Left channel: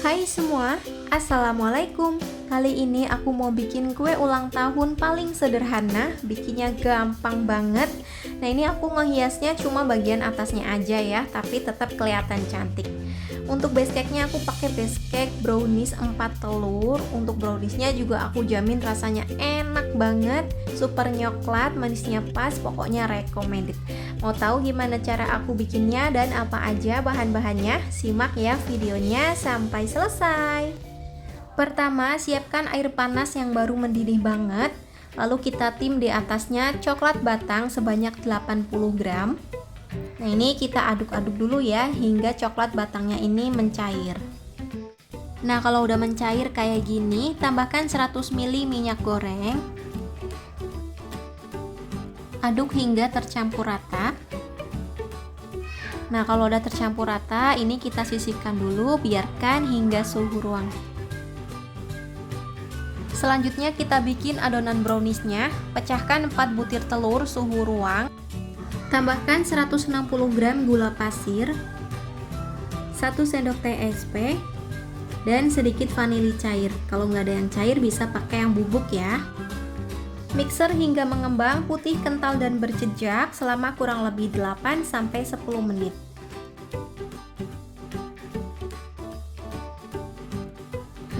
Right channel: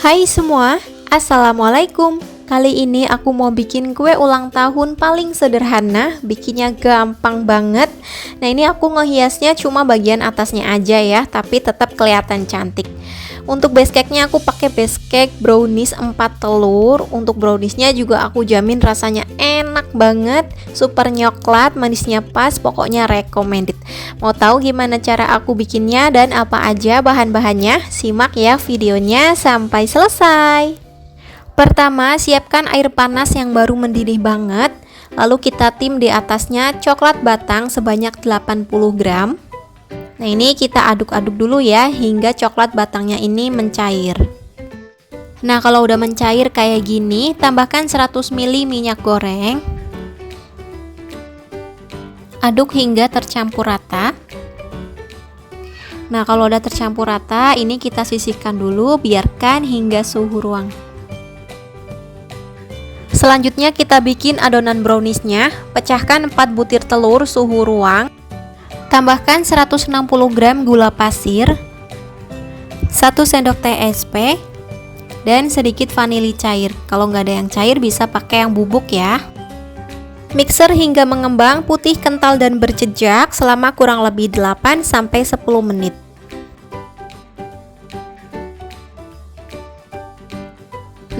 Hai semua, Assalamualaikum. Kali ini aku mau bikin kue ulang tahun paling sederhana, bikinnya gampang banget. Nah ini aku ngehiasnya cuma bagian atasnya aja ya, tapi tetap kelihatan cantik. Untuk base cake-nya aku pakai base cake brownies 4 telur. Untuk browniesnya juga aku jamin rasanya enak banget, super nyoklat, manisnya pas, pokoknya recommended. Mau tahu gimana cara aku bikinnya dan apa aja bahan-bahannya? Simak ya videonya sampai selesai. Pertama, siapkan air panas yang baru mendidih banget. Lalu kita tim di atasnya coklat batang sebanyak 80 gram. Nah ini kita aduk-aduk dulu ya hingga coklat batangnya ini mencair. Nah kalau udah mencair kayak gini, tambahkan 100 ml minyak goreng. Aduk hingga tercampur rata. Nah kalau udah tercampur rata, ini kita sisihkan dulu, biarkan hingga suhu ruang. Selanjutnya kita bikin adonan browniesnya. Pecahkan 4 butir telur suhu ruang. Tambahkan 160 gram gula pasir, 1 sendok teh SP, dan sedikit vanili cair. Kalau nggak ada yang cair bisa pakai yang bubuk ya. Mixer hingga mengembang putih kental dan berjejak selama kurang lebih 8-10 menit.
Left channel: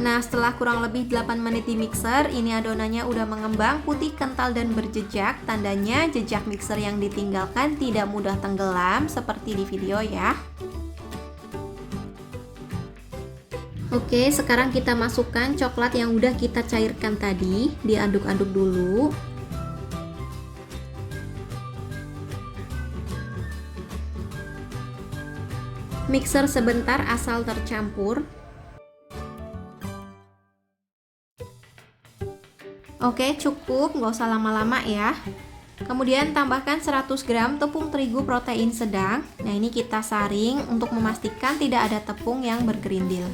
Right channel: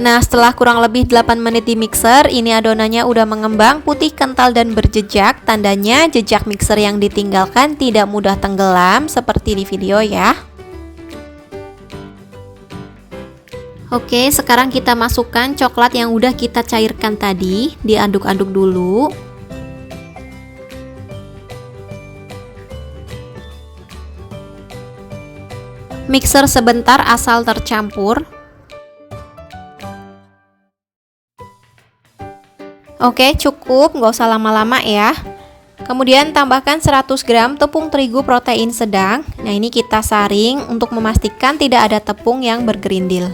Nah setelah kurang lebih 8 menit di mixer, ini adonannya udah mengembang putih kental dan berjejak. Tandanya jejak mixer yang ditinggalkan tidak mudah tenggelam seperti di video ya. Oke, sekarang kita masukkan coklat yang udah kita cairkan tadi, diaduk-aduk dulu. Mixer sebentar asal tercampur. Oke, cukup, nggak usah lama-lama ya. Kemudian tambahkan 100 gram tepung terigu protein sedang. Nah ini kita saring untuk memastikan tidak ada tepung yang bergerindil.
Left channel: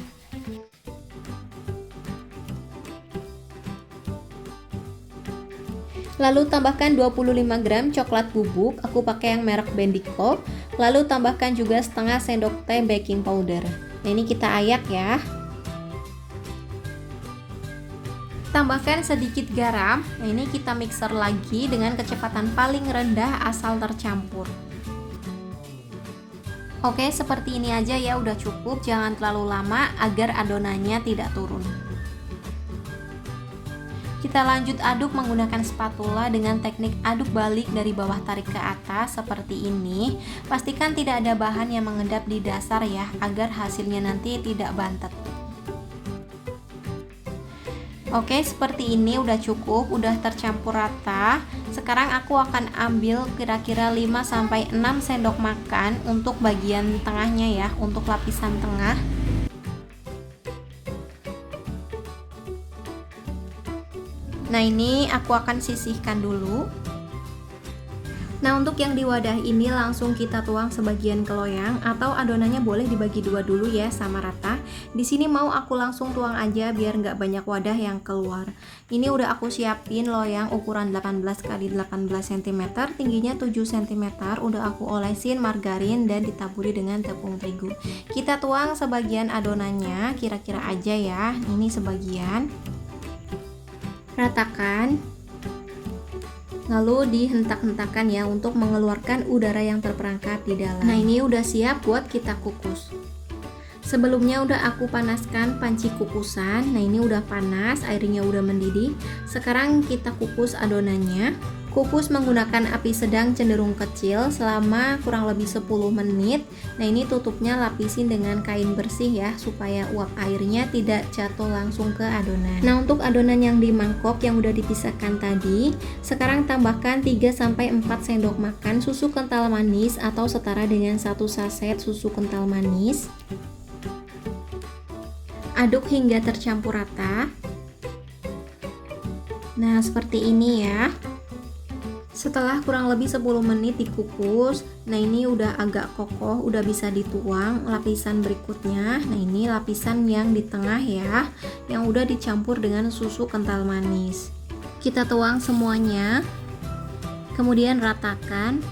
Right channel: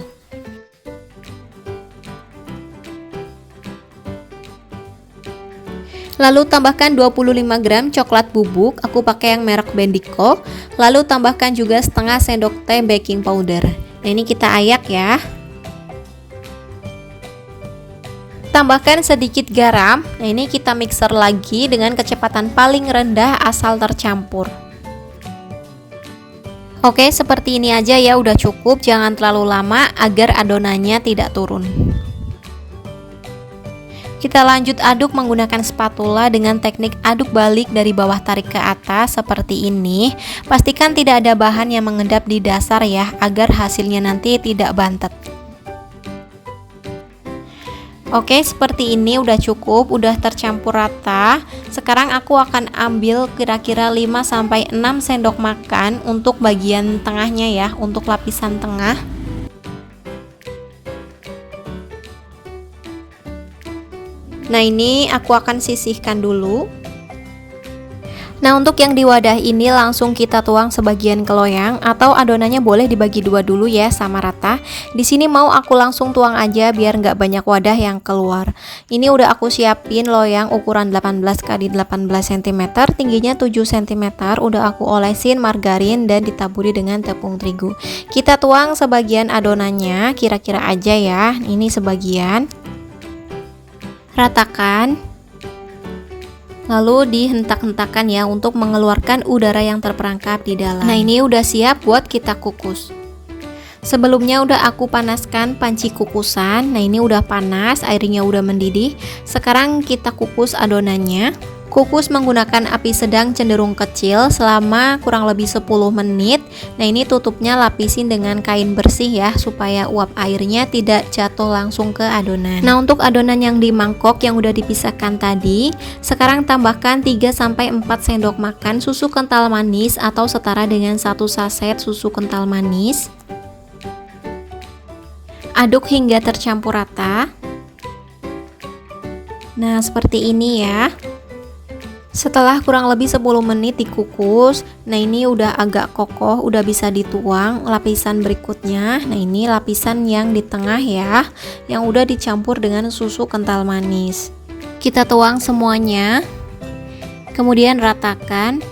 Lalu tambahkan 25 gram coklat bubuk, aku pakai yang merek Bendico. Lalu tambahkan juga setengah sendok teh baking powder. Nah ini kita ayak ya. Tambahkan sedikit garam. Nah ini kita mixer lagi dengan kecepatan paling rendah asal tercampur. Oke, seperti ini aja ya, udah cukup, jangan terlalu lama agar adonannya tidak turun. Kita lanjut aduk menggunakan spatula dengan teknik aduk balik dari bawah tarik ke atas seperti ini. Pastikan tidak ada bahan yang mengendap di dasar ya, agar hasilnya nanti tidak bantet. Oke, seperti ini udah cukup, udah tercampur rata. Sekarang aku akan ambil kira-kira 5-6 sendok makan untuk bagian tengahnya ya, untuk lapisan tengah. Nah ini aku akan sisihkan dulu. Nah untuk yang di wadah ini langsung kita tuang sebagian ke loyang, atau adonannya boleh dibagi dua dulu ya sama rata. Di sini mau aku langsung tuang aja biar nggak banyak wadah yang keluar. Ini udah aku siapin loyang ukuran 18 x 18 cm, tingginya 7 cm. Udah aku olesin margarin dan ditaburi dengan tepung terigu. Kita tuang sebagian adonannya, kira-kira aja ya. Ini sebagian. Ratakan. Lalu dihentak-hentakan ya untuk mengeluarkan udara yang terperangkap di dalam. Nah ini udah siap buat kita kukus. Sebelumnya udah aku panaskan panci kukusan. Nah ini udah panas, airnya udah mendidih. Sekarang kita kukus adonannya. Kukus menggunakan api sedang cenderung kecil selama kurang lebih 10 menit. Nah ini tutupnya lapisin dengan kain bersih ya, supaya uap airnya tidak jatuh langsung ke adonan. Nah untuk adonan yang di mangkok yang udah dipisahkan tadi, sekarang tambahkan 3-4 sendok makan susu kental manis atau setara dengan 1 saset susu kental manis. Aduk hingga tercampur rata. Nah seperti ini ya. Setelah kurang lebih 10 menit dikukus, nah ini udah agak kokoh, udah bisa dituang lapisan berikutnya. Nah ini lapisan yang di tengah ya, yang udah dicampur dengan susu kental manis. Kita tuang semuanya, kemudian ratakan.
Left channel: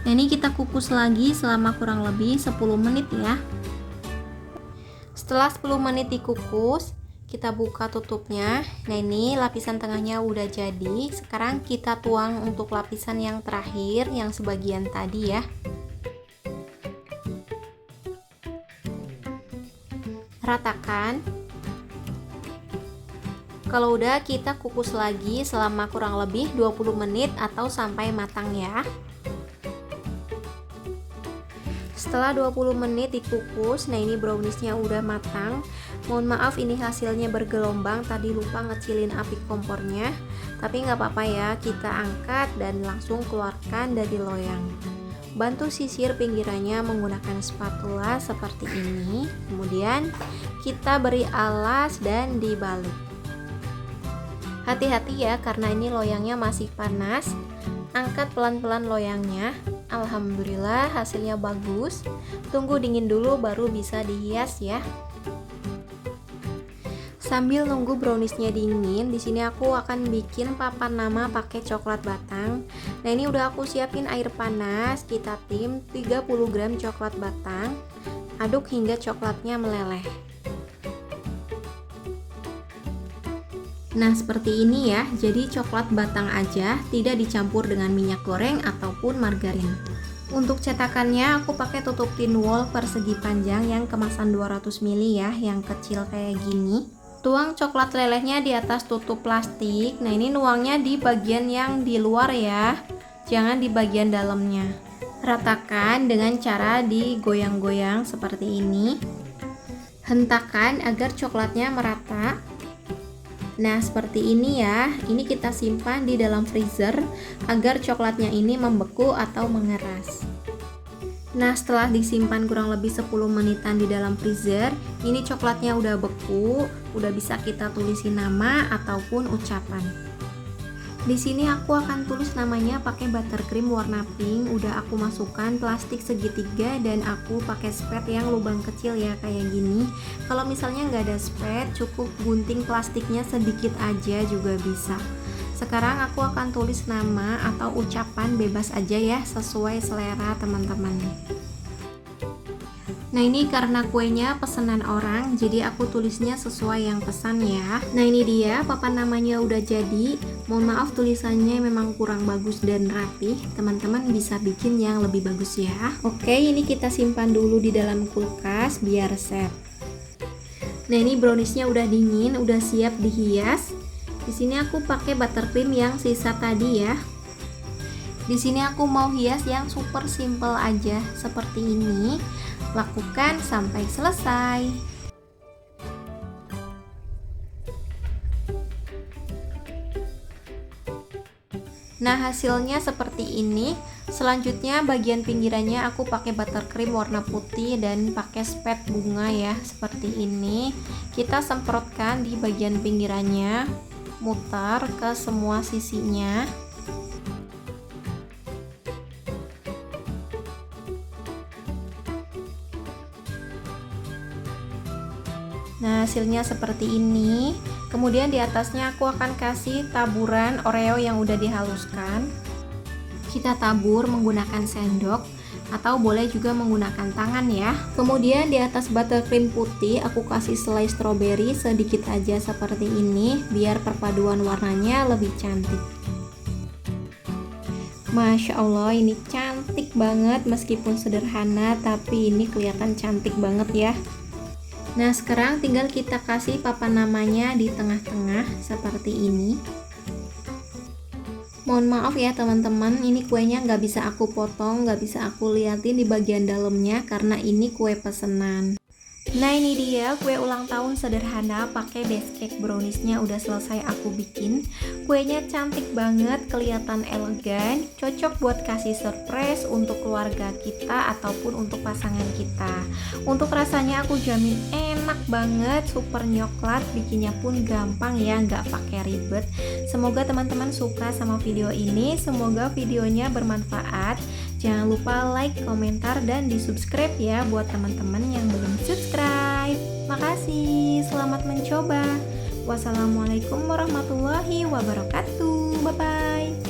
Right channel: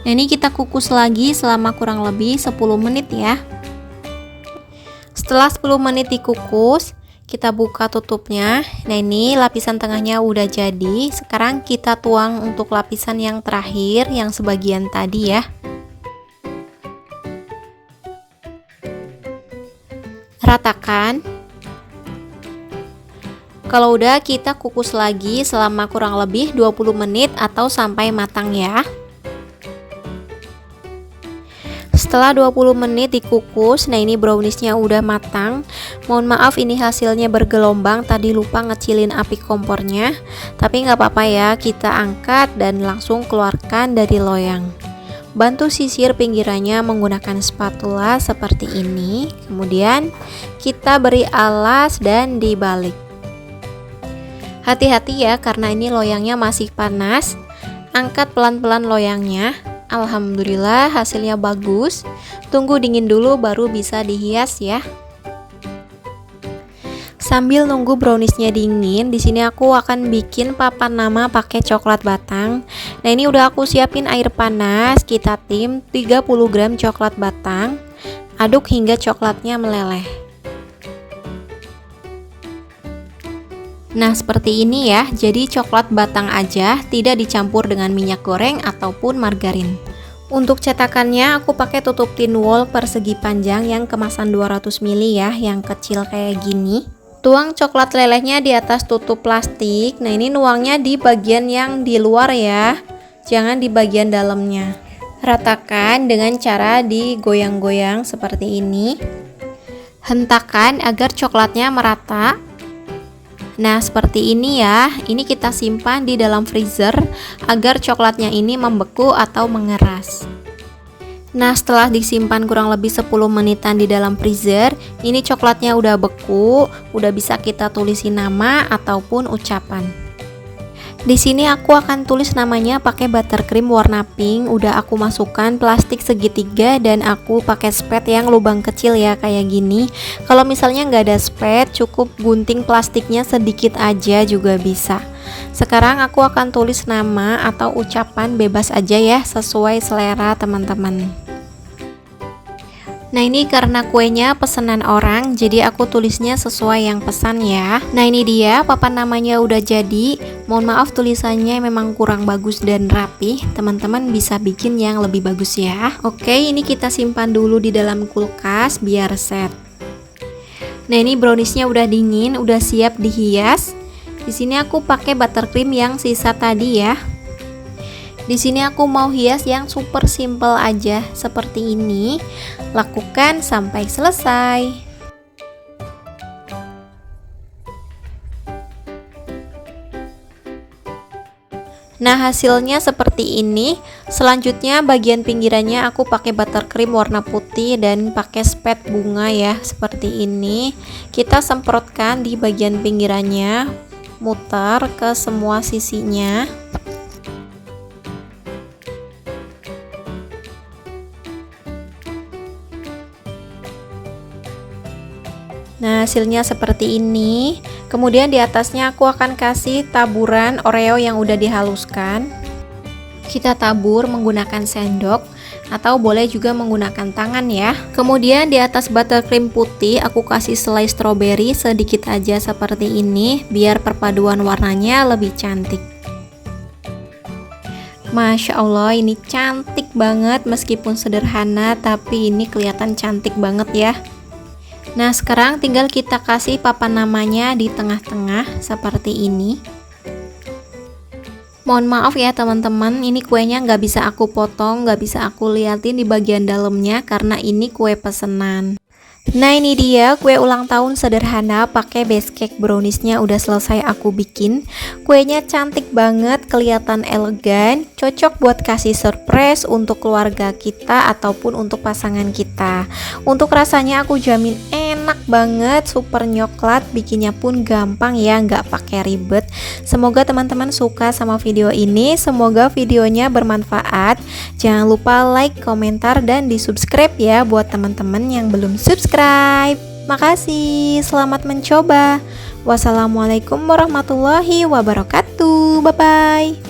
Nah ini kita kukus lagi selama kurang lebih 10 menit ya. Setelah 10 menit dikukus, kita buka tutupnya. Nah, ini lapisan tengahnya udah jadi. Sekarang kita tuang untuk lapisan yang terakhir, yang sebagian tadi ya. Ratakan. Kalau udah, kita kukus lagi selama kurang lebih 20 menit atau sampai matang ya. Setelah 20 menit dikukus, nah ini browniesnya udah matang. Mohon maaf ini hasilnya bergelombang, tadi lupa ngecilin api kompornya. Tapi nggak apa-apa ya, kita angkat dan langsung keluarkan dari loyang. Bantu sisir pinggirannya menggunakan spatula seperti ini. Kemudian kita beri alas dan dibalik. Hati-hati ya, karena ini loyangnya masih panas. Angkat pelan-pelan loyangnya. Alhamdulillah hasilnya bagus. Tunggu dingin dulu baru bisa dihias ya. Sambil nunggu browniesnya dingin, di sini aku akan bikin papan nama pakai coklat batang. Nah, ini udah aku siapin air panas. Kita tim 30 gram coklat batang. Aduk hingga coklatnya meleleh. Nah, seperti ini ya. Jadi coklat batang aja, tidak dicampur dengan minyak goreng ataupun margarin. Untuk cetakannya aku pakai tutup tin wall persegi panjang yang kemasan 200 ml ya, yang kecil kayak gini. Tuang coklat lelehnya di atas tutup plastik. Nah, ini nuangnya di bagian yang di luar ya, jangan di bagian dalamnya. Ratakan dengan cara digoyang-goyang seperti ini. Hentakan agar coklatnya merata. Nah, seperti ini ya. Ini kita simpan di dalam freezer agar coklatnya ini membeku atau mengeras. Nah, setelah disimpan kurang lebih 10 menitan di dalam freezer, ini coklatnya udah beku, udah bisa kita tulisin nama ataupun ucapan. Di sini aku akan tulis namanya pakai buttercream warna pink. Udah aku masukkan plastik segitiga dan aku pakai spet yang lubang kecil ya, kayak gini. Kalau misalnya nggak ada spet, cukup gunting plastiknya sedikit aja juga bisa. Sekarang aku akan tulis nama atau ucapan bebas aja ya, sesuai selera teman-teman. Nah, ini karena kuenya pesanan orang, jadi aku tulisnya sesuai yang pesan ya. Nah, ini dia papan namanya udah jadi. Mohon maaf tulisannya memang kurang bagus dan rapi. Teman-teman bisa bikin yang lebih bagus ya. Oke, ini kita simpan dulu di dalam kulkas biar set. Nah, ini browniesnya udah dingin, udah siap dihias. Di sini aku pakai buttercream yang sisa tadi ya. Di sini aku mau hias yang super simple aja seperti ini. Lakukan sampai selesai. Nah, hasilnya seperti ini. Selanjutnya bagian pinggirannya aku pakai buttercream warna putih dan pakai spet bunga ya, seperti ini. Kita semprotkan di bagian pinggirannya, muter ke semua sisinya. Nah, hasilnya seperti ini. Kemudian di atasnya aku akan kasih taburan Oreo yang udah dihaluskan. Kita tabur menggunakan sendok atau boleh juga menggunakan tangan ya. Kemudian di atas buttercream putih aku kasih selai stroberi sedikit aja seperti ini, biar perpaduan warnanya lebih cantik. Masya Allah, ini cantik banget. Meskipun sederhana, tapi ini kelihatan cantik banget ya. Nah, sekarang tinggal kita kasih papan namanya di tengah-tengah seperti ini. Mohon maaf ya teman-teman, ini kuenya nggak bisa aku potong, nggak bisa aku liatin di bagian dalamnya karena ini kue pesanan. Nah, ini dia kue ulang tahun sederhana pakai base cake browniesnya udah selesai aku bikin. Kuenya cantik banget, kelihatan elegan, cocok buat kasih surprise untuk keluarga kita ataupun untuk pasangan kita. Untuk rasanya aku jamin enak banget, super nyoklat, bikinnya pun gampang ya, nggak pakai ribet. Semoga teman-teman suka sama video ini, semoga videonya bermanfaat. Jangan lupa like, komentar, dan di subscribe ya buat teman-teman yang belum subscribe. Makasih, selamat mencoba. Wassalamualaikum warahmatullahi wabarakatuh. Bye bye.